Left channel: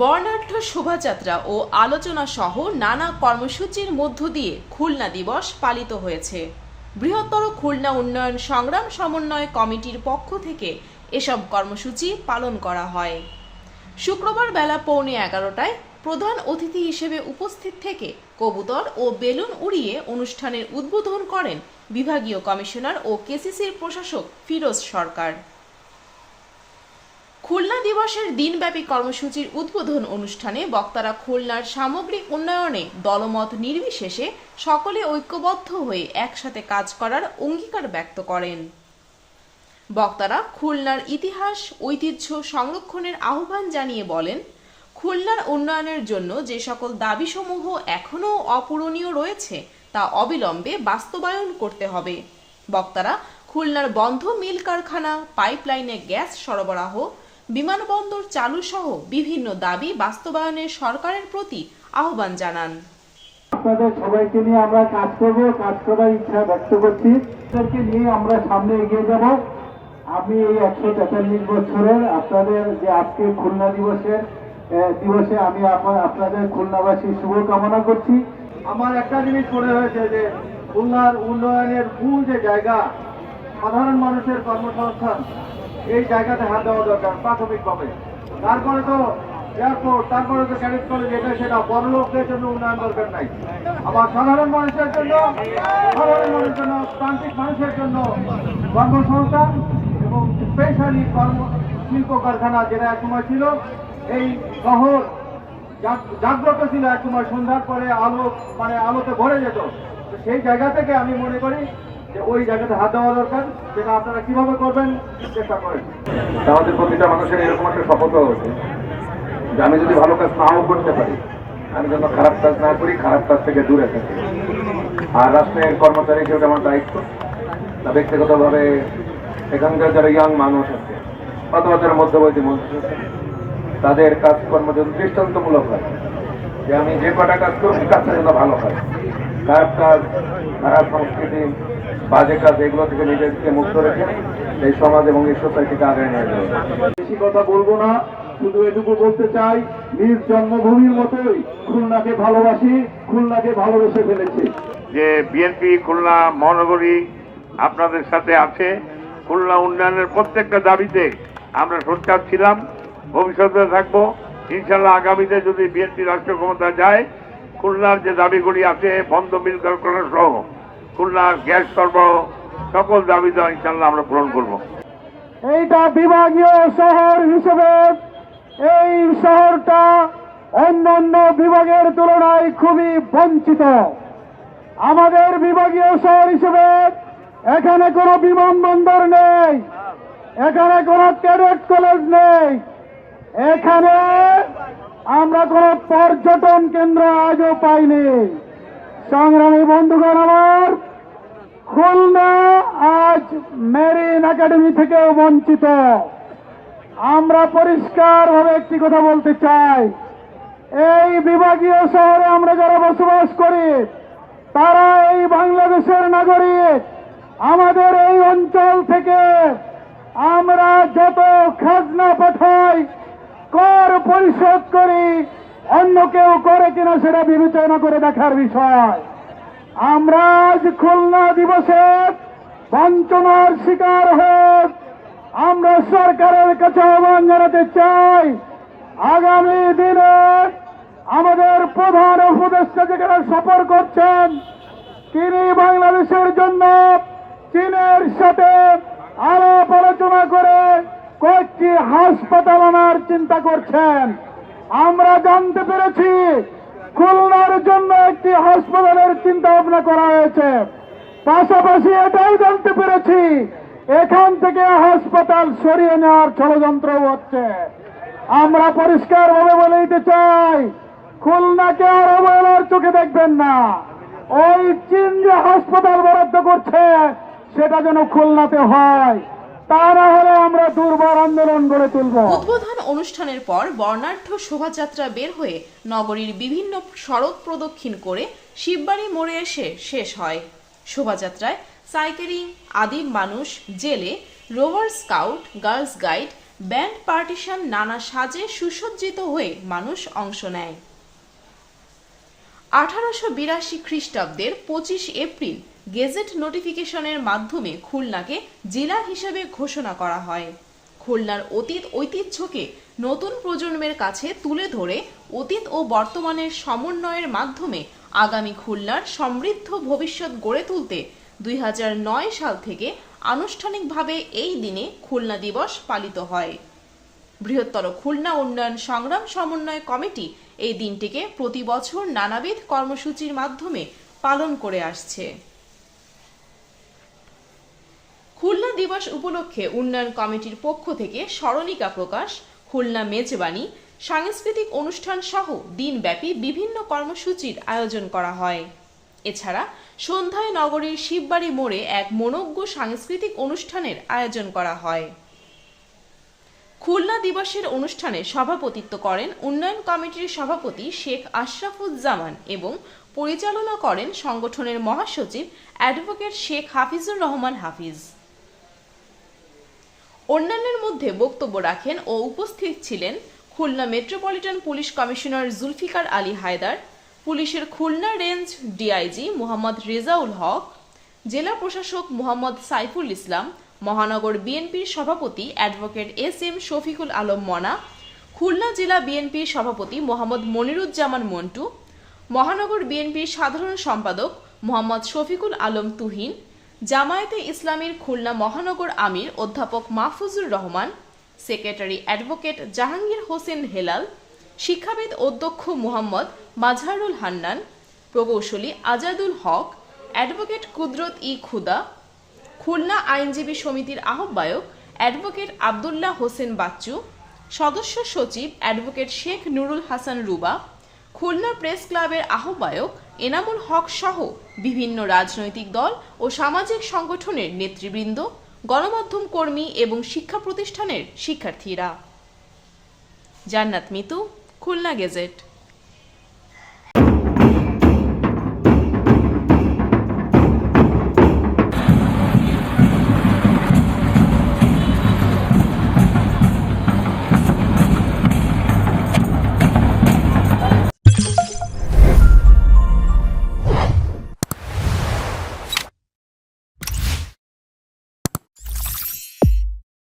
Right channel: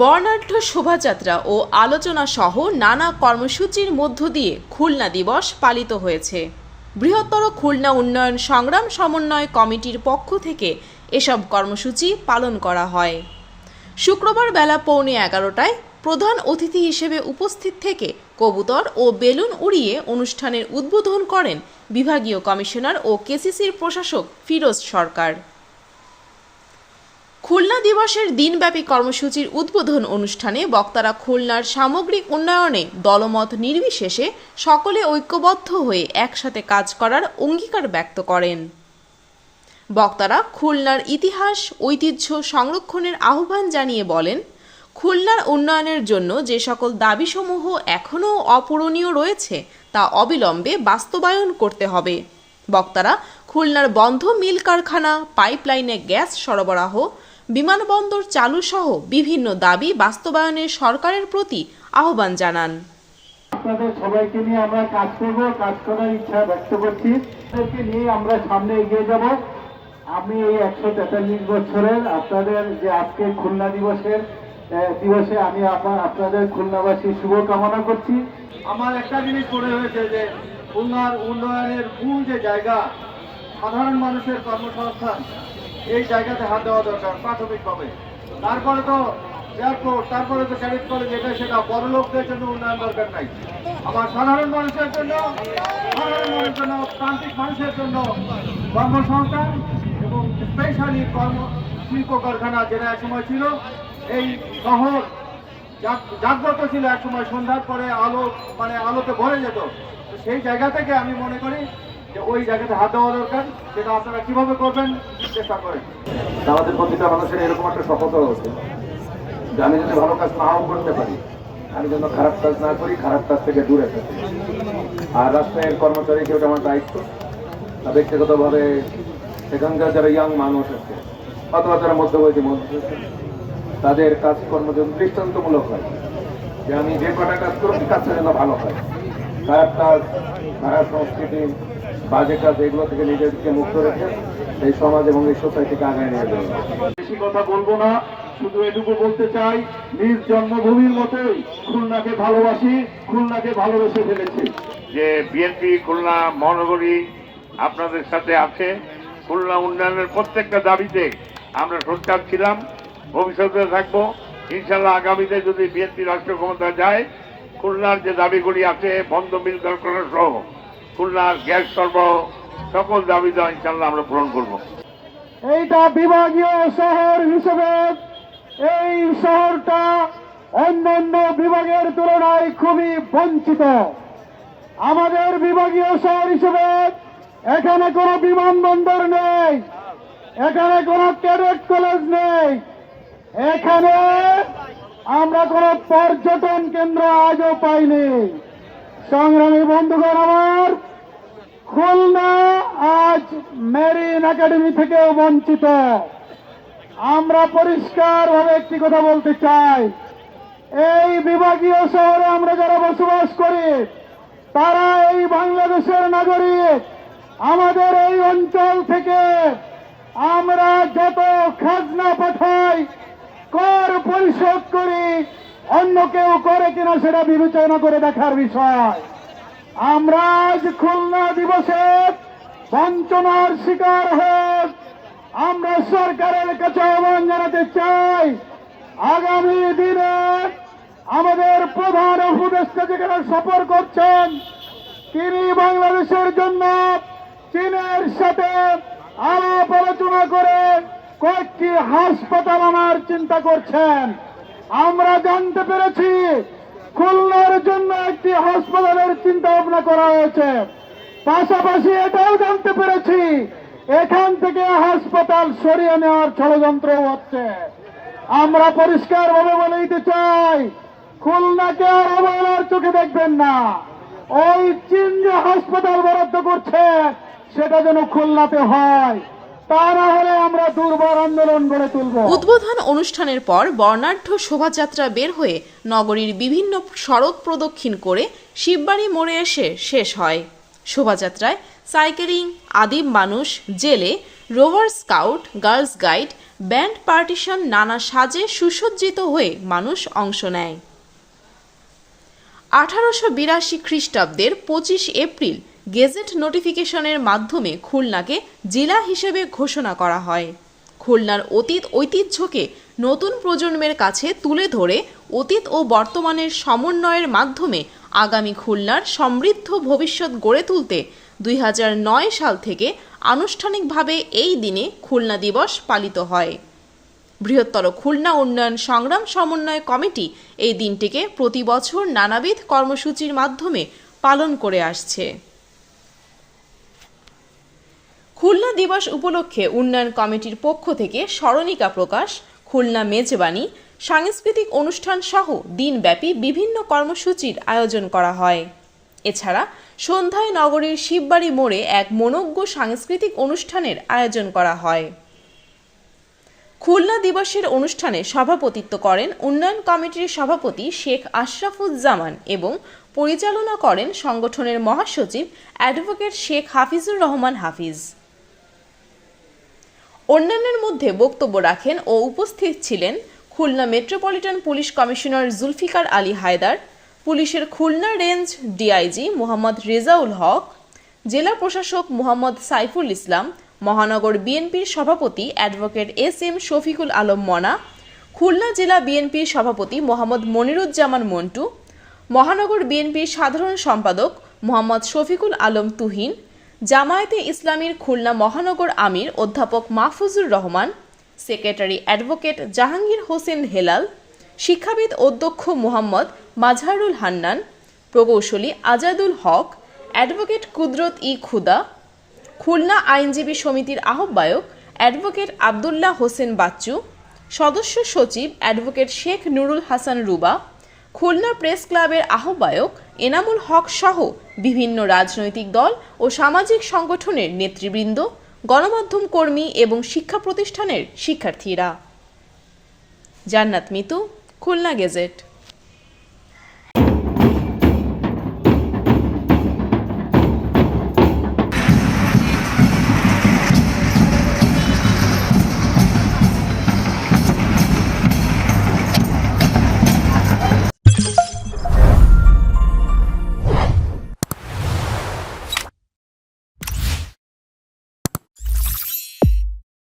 বর্ণাঢ্য শোভাযাত্রা ও আলোচনা সহ নানা কর্মসূচির মধ্য দিয়ে খুলনা দিবস পালিত হয়েছে। বৃহত্তর খুলনা উন্নয়ন সংগ্রাম সমন্বয় কমিটির পক্ষ থেকে এসব কর্মসূচি পালন করা হয়। শুক্রবার বেলা পৌনে এগারোটায় প্রধান অতিথি হিসেবে উপস্থিত থেকে কবুতর ও বেলুন উড়িয়ে অনুষ্ঠানের উদ্বোধন করেন বিভাগীয় কমিশনার ও কেসিসির প্রশাসক ফিরোজ সরকার। খুলনা দিবসের দিনব্যাপী কর্মসূচির উদ্বোধন অনুষ্ঠানে বক্তারা খুলনার সামগ্রিক উন্নয়নে দলমত নির্বিশেষে সকলে ঐক্যবদ্ধ হয়ে একসাথে কাজ করার অঙ্গীকার ব্যক্ত করেন। বক্তারা খুলনার ইতিহাস, ঐতিহ্য সংরক্ষণের আহ্বান জানিয়ে বলেন, খুলনার উন্নয়নের জন্য যে সকল দাবিসমূহ এখনও অপূরণীয় রয়েছে, তা অবিলম্বে বাস্তবায়ন করতে হবে। বক্তারা, খুলনার বন্ধ মিল কারখানা, পাইপলাইনে গ্যাস সরবরাহ বিমানবন্দর চালু সহ বিভিন্ন দাবি বাস্তবায়নে সরকারের প্রতি আহ্বান জানান। আপনাদের সবাইকে নিয়ে আমরা কাজ করব কাজ করার ইচ্ছা ব্যক্ত করছি। নিয়ে আমরা সামনে এগিয়ে যাব। আমি এই একশো তেতাল্লিশ বছরের আপনাদের যে আজকে খুলনা দিবসের দিবসে আমি আপা- আপনাদের খুলনাবাসী শুভকামনা করছি। আমার একটা জিনিস মনে হয়েছে যে খুলনার উন্নয়নের মূল যে জায়গা সাধারণ মানুষের কর্মসংস্থান এই জায়গাতে হাত দেওয়া দরকার প্রাথমিকভাবে। তারপরে তো এয়ারপোর্ট তারপরে তো ক্যাডেট কলেজ এটা সেটা বড় লোকদের জন্য উন্নয়ন দরকার নাই। আবার সাধারণ মানুষের জন্য, সাধারণ মানুষের জন্য, প্রান্তিক মানুষের জন্য কর্মসংস্থান এবং স্পেশালি কর্ম, শিল্প কারখানা যেটা একসময় ছিল, এই শহর জাগ- জাগ্রত ছিল একসময় সন্ধ্যার পরে আলো মানে আলোতে ভরে যেত। সেই জায়গা থেকে আমি মনে করি যে ওই জায়গাতে হাত দেওয়া দরকার, সেটা আপনারা কীভাবে করবেন চেষ্টা করেন। আমাদের প্রতিটা মানুষের এরকম একটা শপথ হচ্ছে যে আমি যদি ভালো কাজ নাও করতে পারি, আমি যেন খারাপ কাজ না করি, খারাপ কাজ থেকে দূরে থাকি। আর রাষ্ট্রের কর্মচারী হিসেবে আমার দায়িত্ব, তা ব্যক্তিগতভাবে এখানকার যারা ইয়াং মানুষ আছে, অথবা যারা মধ্যবর্তী মানুষ আছে, তাদের কাজকর্ম যেন দৃষ্টান্তমূলক হয়, যে আমি যে কটা কাজ করছি কাজটা যেন ভালো হয়। খারাপ কাজ, খারাপ সংস্কৃতি বাজে কাজ এগুলো থেকে নিজেকে মুক্ত রেখে এই সমাজ এবং এই সোসাইটিকে আগে নিয়ে যাবে। বেশি কথা বলব না শুধু এটুকু বলতে চাই নিজ জন্মভূমির মতোই খুলনাকে ভালোবাসি খুলনাকে ভালোবেসে ফেলেছি। যে বিএনপি খুলনা মহানগরী আপনাদের সাথে আছে খুলনা উন্নয়নের প্রত্যেকটা দাবিতে আমরা সোচ্চার ছিলাম ভবিষ্যতে থাকব। ইনশাল্লাহ আগামীতে যদি বিএনপি রাষ্ট্র ক্ষমতা যায় খুলনার যে দাবিগুলি আছে বন্ধ মিল কারখানা সহ খুলনার গ্যাস সরবরাহ সকল দাবি দেওয়া ইনশাল্লাহ আমরা পূরণ করব। এইটা বিভাগীয় শহর হিসেবে এই শহরটা অন্যান্য বিভাগের তুলনায় খুবই বঞ্চিত। আমাদের বিভাগীয় শহর হিসেবে এখানে কোনো বিমানবন্দর নেই, এখানে কোনো ক্যাডেট কলেজ নেই, এখানে আমরা কোনো পর্যটন কেন্দ্র আজও পাইনি। সংগ্রামী বন্ধুগণ আমার খুলনা আজ মেরিন একাডেমি থেকেও বঞ্চিত। আমরা পরিষ্কার ভাবে একটি কথা বলতে চাই। এই বিভাগীয় শহরে আমরা যারা বসবাস করি, তারা এই বাংলাদেশের নাগরিক। আমাদের এই অঞ্চল থেকে আমরা যত খাজনা পাঠাই, কর পরিশোধ করি, অন্য কেউ করে কিনা সেটা বিবেচনা করে দেখার বিষয়। আমরা আজ খুলনা দিবসে বঞ্চনার শিকার হোক আমরা সরকারের কাছে আহ্বান জানাতে চাই। আগামী দিনে আমাদের প্রধান উপদেষ্টা যেখানে সফর করছেন, তিনি বাংলাদেশের জন্য চীনের সাথে আলাপ আলোচনা করে কয়েকটি হাসপাতাল আনার চিন্তা করছেন। আমরা জানতে পেরেছি হাসপাতালের চিন্তা ভাবনা করা হয়েছে। পাশাপাশি এটাও জানতে পেরেছি, এখান থেকে হাসপাতাল সরিয়ে নেওয়ার ষড়যন্ত্র হচ্ছে। আমরা পরিষ্কার ভাবে বলে দিতে চাই, খুলনাকে আর অবহেলার চোখে দেখবেন না। ওই চীন যে হাসপাতাল বরাদ্দ করছে, সেটা যেন খুলনাতে হয়। উদ্বোধন অনুষ্ঠানের পর বর্ণাঢ্য শোভাযাত্রা বের হয়ে নগরীর বিভিন্ন সড়ক প্রদক্ষিণ করে শিববাড়ি মোড়ে এসে শেষ হয়। শোভাযাত্রায় সাইকেলিং, আদিম মানুষ, জেলে, rover scout, girls guide, band partition, নানা সাজে সুসজ্জিত হয়ে মানুষ অংশ নেয়। আঠারোশো বিরাশি খ্রিস্টাব্দের পঁচিশ এপ্রিল গেজেট নোটিফিকেশনের মাধ্যমে খুলনাকে জেলা হিসেবে ঘোষণা করা হয়। খুলনার অতীত ঐতিহ্যকে নতুন প্রজন্মের কাছে তুলে ধরে অতীত ও বর্তমানের সমন্বয়ের মাধ্যমে আগামী খুলনার সমৃদ্ধ ভবিষ্যৎ গড়ে তুলতে দুই হাজার নয় সাল থেকে আনুষ্ঠানিকভাবে এই দিনে খুলনা দিবস পালিত হয়। বৃহত্তর খুলনা উন্নয়ন সংগ্রাম সমন্বয় কমিটি এই দিনটিকে প্রতি বছর নানাবিধ কর্মসূচির মাধ্যমে পালন করে আসছে। খুলনা দিবস উপলক্ষে উন্নয়ন কমিটির পক্ষ থেকে স্মরণিকা প্রকাশ, খুলনা মেজবানি, সাংস্কৃতিক অনুষ্ঠান সহ দিনব্যাপী বিভিন্ন কর্মসূচির আয়োজন করা হয়। এছাড়া সন্ধ্যায় নগরীর শিববাড়ি মোড়ে এক মনোজ্ঞ সাংস্কৃতিক অনুষ্ঠানের আয়োজন করা হয়। খুলনা দিবসের অনুষ্ঠানে সভাপতিত্ব করেন উন্নয়ন কমিটির সভাপতি শেখ আশরাফুজ্জামান এবং পরিচালনা করেন সংগঠনের মহাসচিব অ্যাডভোকেট শেখ হাফিজুর রহমান হাফিজ। অন্যান্যের মধ্যে বক্তব্য রাখেন ও উপস্থিত ছিলেন Khulna metropolitan police commissioner Zulfiqar Ali Haider, পুলিশের খুলনা রেঞ্জ ডিআইজি মোহাম্মদ রেজাউল হক, জেলা প্রশাসক মোহাম্মদ সাইফুল ইসলাম, মহানগর বিএনপির সভাপতি advocate S M Shafiqul Alam Mona, Khulna জেলা বিএনপির সভাপতি মোহাম্মদ মনিরুজ্জামান মন্টু, মহানগর বিএনপির সাধারণ সম্পাদক মোহাম্মদ শফিকুল আলম তুহিন জামায়াতে ইসলামীর খুলনা মহানগর আমির অধ্যাপক মাহফুজুর রহমান, সেক্রেটারি অ্যাডভোকেট জাহাঙ্গীর হোসেন হেলাল, শিক্ষাবিদ অধ্যক্ষ মোহাম্মদ মাজহারুল হান্নান, প্রকৌশলী আজাদুল হক, অ্যাডভোকেট কুদরত ই খুদা, খুলনা আইনজীবী সমিতির আহ্বায়ক অ্যাডভোকেট আবদুল্লাহ হোসেন বাচ্চু, সদস্য সচিব অ্যাডভোকেট শেখ নুরুল হাসান রুবা, খুলনা প্রেস ক্লাবের আহ্বায়ক এনামুল হক সহ বিভিন্ন রাজনৈতিক দল ও সামাজিক সংগঠনের নেতৃবৃন্দ, গণমাধ্যম কর্মী এবং শিক্ষা প্রতিষ্ঠানের শিক্ষার্থীরা। জান্নাত মিতু, খুলনা গেজেট।